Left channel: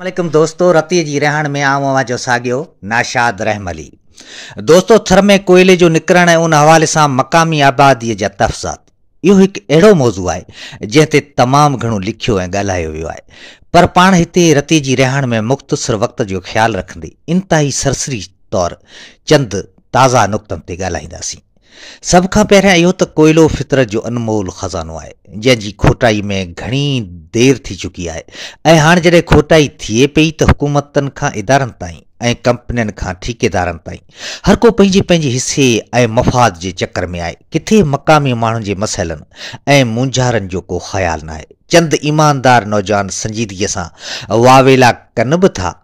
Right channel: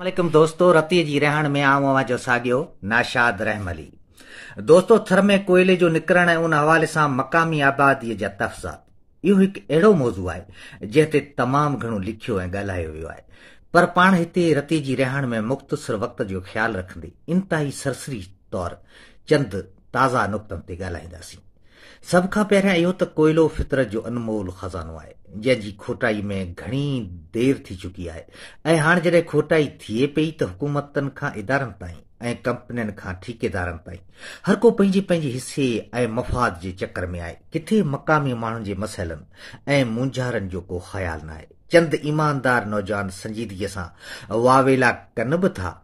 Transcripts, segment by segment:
वालेकुम दोस्तों, रतीअ जी रहण में आऊं अवां जो साॻियो नाशाद रहमली। दोस्तों, थर में कोयले जो निकिरण ऐं उन हवाले सां मक़ामी आबादीअ जा तफ़्सात, इहो हिकु अहिड़ो मौज़ू आहे जंहिं ते तमामु घणो लिखियो ऐं ॻाल्हायो वियो आहे। पर पाण हिते रतीअ जी रहण में मुख़्तसिर वक़्त जो ख़्यालु रखंदे इंतिहाई सरसरी तौरु चंद ताज़ा नुक़्तनि ते ॻाल्हाईंदासीं। सभ खां पहिरियां इहो त कोयलो फितरत जो अनमोल ख़ज़ानो आहे, जंहिंजी खोटाई में घणी देरि थी चुकी आहे। ऐं हाणे जॾहिं खोटाई थिए पई त हुकूमतनि खां इदारनि ताईं ऐं कंपनियुनि खां ठेकेदारनि ताईं हर को पंहिंजे पंहिंजे हिसे ऐं मफ़ाद जे चकर में आहे। किथे मक़ामी माण्हुनि जे मसइलनि ऐं मुंझारनि जो को ख़्यालु न आहे। चंद ईमानदार नौजवान संजीदगीअ सां वावेला कनि बि था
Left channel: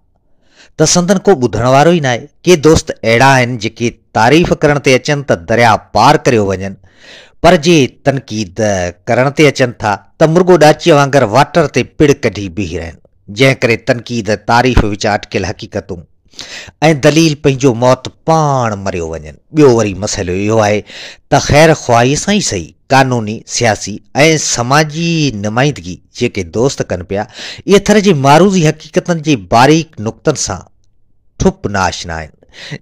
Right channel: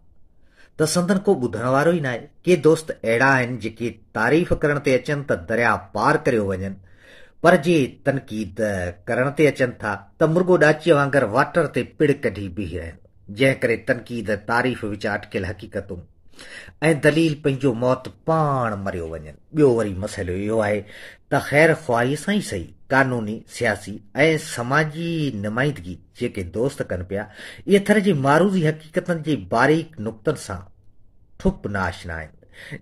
त संदन को ॿुधण वारो ई न आहे। के दोस्त अहिड़ा आहिनि जेके तारीफ़ करण ते अचनि त दरिया पार करे वञनि, पर जे तनक़ीद करण ते अचनि था त मुर्गो ॾाचीअ वांगुरु वाटर ते पिड़ कढी बीही रहनि, जंहिं करे तनक़ीद तारीफ़ विच अटकियल हक़ीक़तूं ऐं दलील पंहिंजो मौत पाण मरियो वञनि। ॿियो वरी मसइलो इहो आहे त ख़ैर ख़्वाहीअ सां ई सही कानूनी, सियासी ऐं समाजी नुमाइंदगी जेके दोस्त कनि पिया, इहे थर जी मारूज़ी हक़ीक़तनि जे बारीक नुक़्तनि सां ठुप नाशना आहिनि,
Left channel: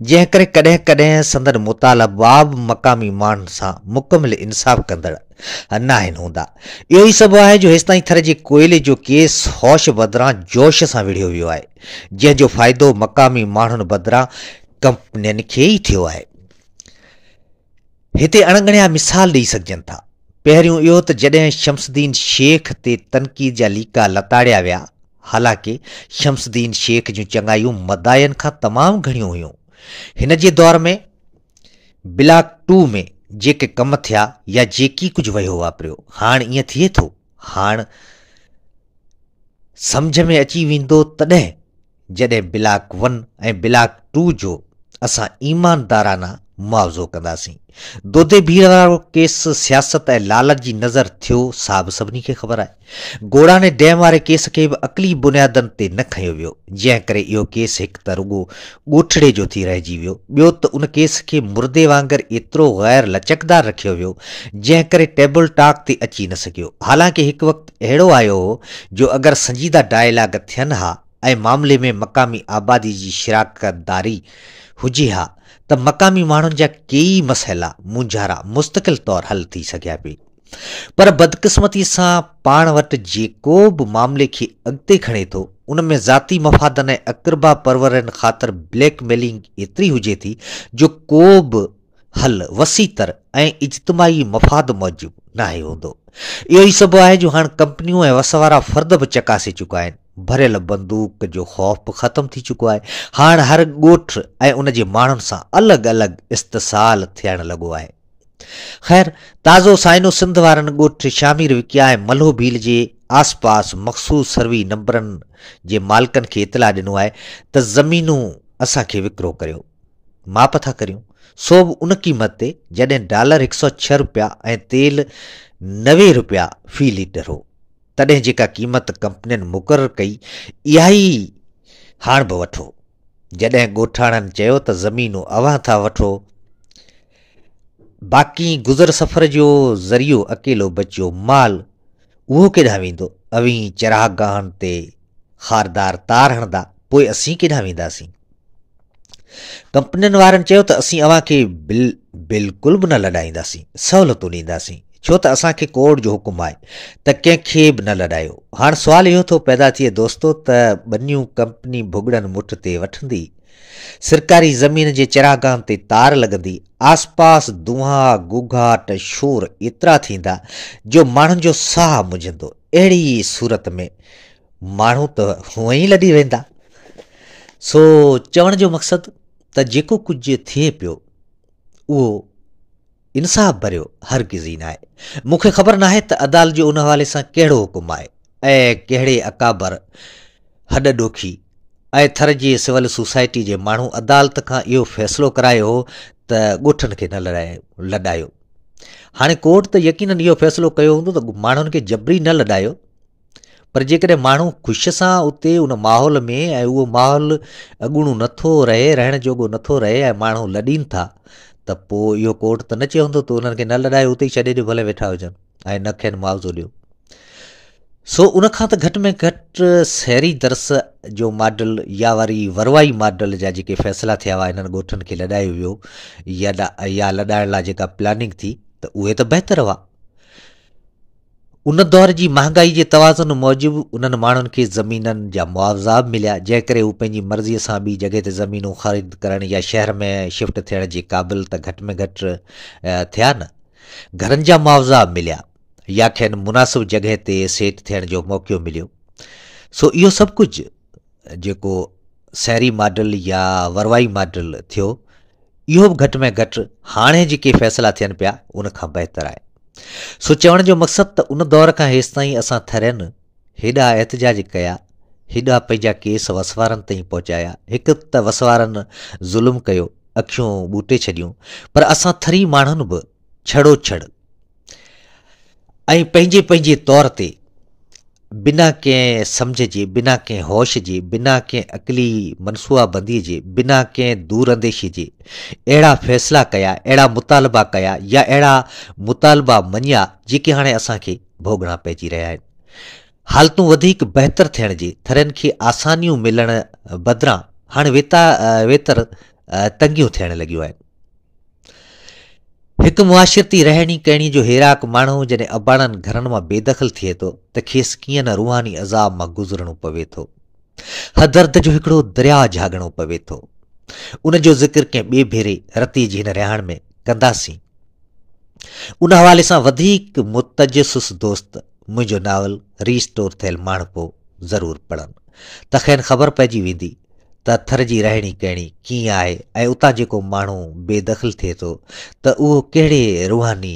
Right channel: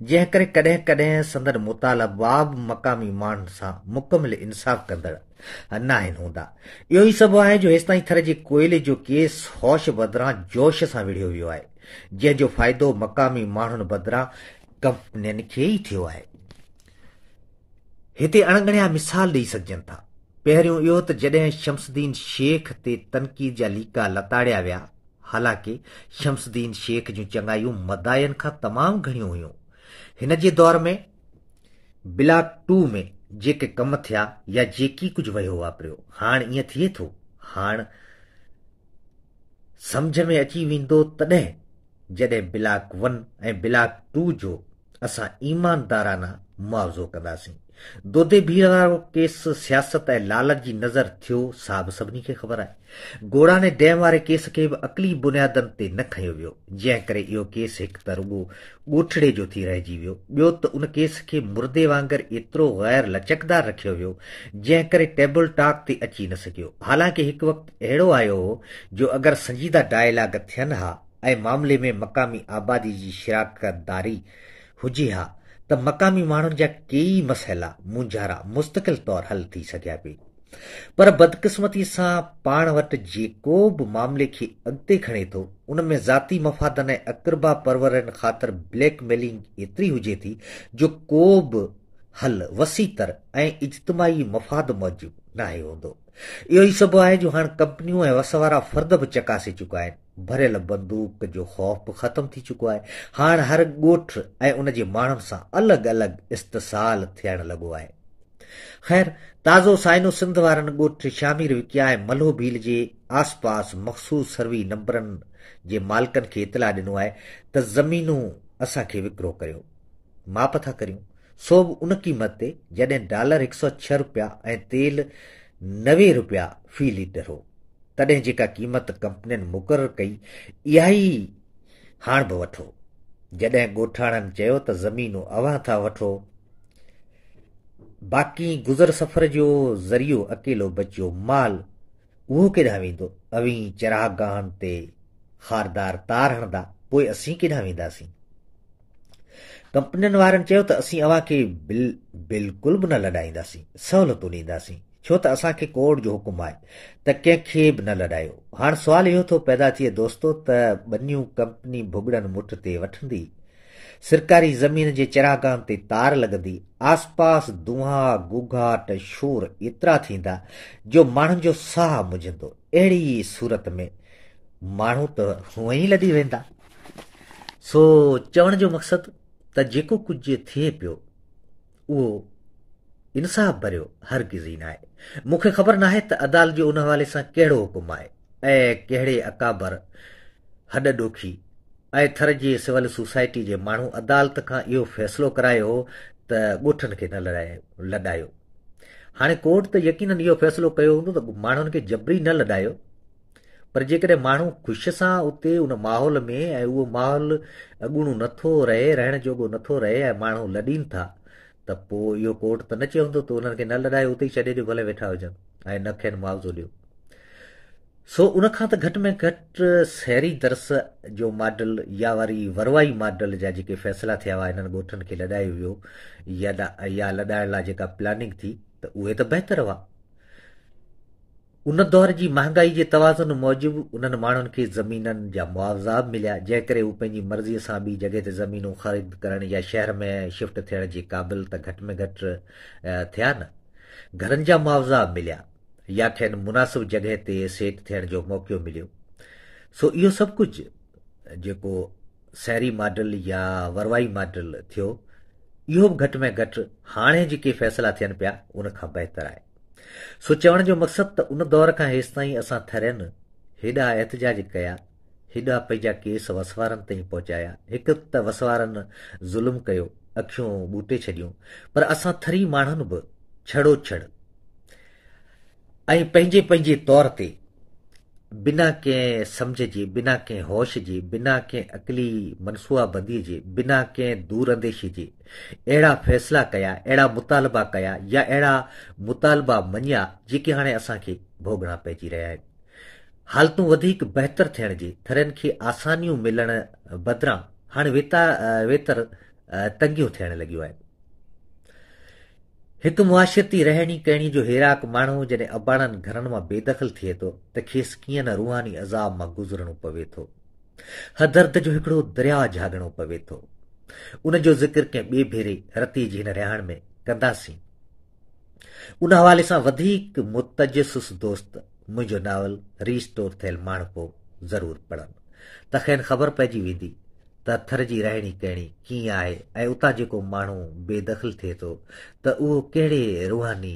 जंहिं करे कॾहिं कॾहिं संदन मुतालबा बि मक़ामी माण्हुनि सां मुकमिल इंसाफ़ कंदड़ न आहिनि हूंदा। इहो ई सबबु आहे जो हेसिताईं थर जे कोयले जो केस होश बदिरां जोश सां विढ़ियो वियो आहे, जंहिंजो फ़ाइदो मक़ामी माण्हुनि बदिरां कंपनियुनि खे ई थियो आहे। हिते अणगणिया मिसाल ॾेई सघजनि था। पहिरियों इहो त जॾहिं शमसुद्दीन शेख ते तनक़ीद जा लीका लताड़िया विया, हालांकि शमसुद्दीन शेख जूं चङायूं मदायनि खां तमामु घणियूं हुयूं। हिन जे दौर में ब्लॉक 2 में जेके कम थिया या जेकी कुझु वियो वापरियो, हाणे ईअं थिए थो। हाणे सम्झ में अची वेंदो तॾहिं जॾहिं ब्लॉक 1 ऐं ब्लॉक 2 जो असां ईमानदाराना मुआवज़ो कंदासीं। दोदे भीड़ वारो केस सियासत ऐं लालच जी नज़र थियो, सा बि सभिनी खे ख़बर आहे। गोड़ाने डैम वारे केस खे बि अक़ली बुनियादनि ते न खंयो वियो, जंहिं करे इहो केस हिकु त रुॻो ॻोठड़े जो थी रहिजी वियो। ॿियो त उन केस खे मुर्दे वांगुरु एतिरो ग़ैर लचकदार रखियो वियो, जंहिं करे टेबल टॉक ते अची न सघियो। हालांकि हिकु वक़्तु अहिड़ो आयो हो जो अगरि संजीदा डायलॉग थियनि हा ऐं मामले में मक़ामी आबादी जी शिराकतदारी हुजे हा त मक़ामी माण्हुनि जा कई मसइला मुंझारा मुस्तक़िल तौरु हल थी सघिया पई। पर बदकिस्मती सां पाण वटि जेको बि मामले खे अॻिते खणे थो, उन में ज़ाती मफ़ादनि ऐं अक़रबा परवरनि ख़ातिर ब्लैकमेलिंग एतिरी हुजे थी जो को बि हल वसीतर ऐं इज्तमाही मफ़ाद मौजूदु न आहे हूंदो। इहो ई सबबु आहे जो हाणे कंपनियूं ऐं वस वारा फ़र्द बि चकासे चुका आहिनि। भरियल बंदूक जो ख़ौफ़ बि ख़तमु थी चुको आहे। हाणे हर ॻोठ ऐं उन जे माण्हुनि सां अलॻि अलॻि इस्तिसाल थियणु लॻो आहे। ख़ैर, ताज़ो साइनो सिंध वारनि ॻोठ शामिर विकिया ऐं मल्हो भील जे आसपास मख़सूस सर्वी नंबरनि जे मालिकनि खे इतला ॾिनो आहे त ज़मीनूं असांखे विकिरो करियो, माप था करियूं, सो बि उन क़ीमत ते जॾहिं डॉलर 106 रुपया ऐं तेल 90 रुपया फ़ी लीटर हो। तॾहिं जेका क़ीमत कंपनियुनि मुक़ररु कई, इहा ई हाणे बि वठो। जॾहिं ॻोठाणनि चयो त ज़मीनूं अव्हां था वठो, बाक़ी गुज़र सफ़र जो ज़रियो अकेलो बचियो माल उहो केॾांहुं वेंदो? अवीं चरागाहनि ते ख़ारदार तार हणंदा, पोइ असीं केॾांहुं वेंदासीं? कंपनियुनि वारनि चयो त असीं अव्हांखे बिल्कुलु बि न लॾाईंदासीं, सहूलियतूं ॾींदासीं, छो त असांखे कोर्ट जो हुकुम आहे त कंहिंखे बि न लॾायो। हाणे सुवाल इहो थो पैदा थिए दोस्तो त ॿनियूं कंपनी भुॻड़नि मुठ ते वठंदी, सरकारी ज़मीन जे चरागाहनि ते तार लॻंदी, आसपास दुहा गुघाट शोर एतिरा थींदा जो माण्हुनि जो साहु मुझंदो। अहिड़ी सूरत में माण्हू त हूअं ई लॾी वेंदा। सो चवण जो मक़सदु त जेको कुझु थिए पियो उहो इंसाफ़ भरियो हरगिज़ ई न आहे। मूंखे ख़बर न आहे त अदालत जो उन हवाले सां कहिड़ो हुकुम आहे ऐं कहिड़े अकाबर हॾ ॾोखी ऐं थर जी सिविल सोसाइटी जे माण्हू अदालत खां इहो फ़ैसिलो करायो हो त ॻोठनि खे न लॾायो। हाणे कोर्ट त यकीननि इहो फ़ैसिलो कयो हूंदो त माण्हुनि खे जबरी न लॾायो, पर जेकॾहिं माण्हू ख़ुशि सां उते उन माहौल में ऐं उहो माहौल अॻूणो नथो रहे, रहण जोॻो नथो रहे ऐं माण्हू लॾीनि था, त पोइ इहो कोर्ट त न चवंदो त उन्हनि खे न लॾायो, उते ई छॾे ॾियो, भले वेठा हुजनि ऐं न खेनि मुआवज़ो ॾियो। सो उनखां त घटि में घटि शहरी दर्स जो मॉडल या वरी वरवाई मॉडल जा जेके फ़ैसिला थिया हुआ इन्हनि ॻोठनि खे लॾायो वियो या लॾाइण लाइ जेका प्लानिंग थी त उहे त बहितर हुआ। उन दौर जी महांगाई जे तवाज़ुन मूजिबि उन्हनि माण्हुनि खे ज़मीननि जा मुआवज़ा बि मिलिया, जंहिं करे हू पंहिंजी मर्ज़ीअ सां ॿी जॻह ते ज़मीनूं ख़रीद करण या शहर में शिफ्ट थियण जे क़ाबिल त घटि में घटि थिया न। घरनि जा मुआवज़ा मिलिया या खेनि मुनासिब जॻह ते सेट थियण जो मौक़ो मिलियो। सो इहो सभु कुझु जेको शहरी मॉडल या वरवाई मॉडल थियो, इहो बि घटि में घटि हाणे जेके फ़ैसिला थियनि पिया उनखां बहितर आहे। सो चवण जो मक़सदु त उन दौर खां हेसि ताईं असां थरियनि हेॾा एहतजाज कया, हेॾा पंहिंजा केस वसवारनि ताईं पहुचाया, हिकु त वसवारनि ज़ुल्म कयो, अखियूं ॿूटे छॾियूं, पर असां थरी माण्हुनि बि छड़ो छड़ ऐं पंहिंजे पंहिंजे तौर ते बिना कंहिं सम्झ जे, बिना कंहिं होश जे, बिना कंहिं अक़ली मनसूबाबंदीअ जे, बिना कंहिं दूरअंदेशी जे अहिड़ा फ़ैसिला कया, अहिड़ा मुतालबा कया या अहिड़ा मुतालबा मञिया जेके हाणे असांखे भोगणा पइजी रहिया आहिनि। हालतूं वधीक बहितर थियण जे, थरियनि खे आसानियूं मिलण बदिरां हाणे वेतर तंगियूं थियण लॻियूं आहिनि। हिकु मुआशिरती रहणी कहणी जो हेराक माण्हू जॾहिं अबाणनि घरनि मां बेदख़ल थिए थो त खेसि कीअं न रूहानी अज़ाब मां गुज़रणो पवे थो, हदर्द जो हिकिड़ो दरिया झागणो पवे थो। उन जो ज़िक्र कंहिं ॿिए भेरे रती जी हिन रिहाण में कंदासीं। उन हवाले सां वधीक मुतजसिस दोस्त मुंहिंजो नावल रीस्टोर थियल माण्हू ज़रूरु पढ़नि, त ख़ैर ख़बर पइजी वेंदी त थर जी रहणी कहणी कीअं आहे ऐं उतां जेको माण्हू बेदख़ल थिए थो त उहो कहिड़े रूहानी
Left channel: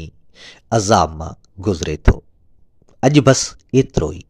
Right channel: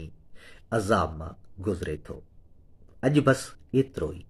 अज़ाब मां गुज़रे थो। अॼु बसि एतिरो ई।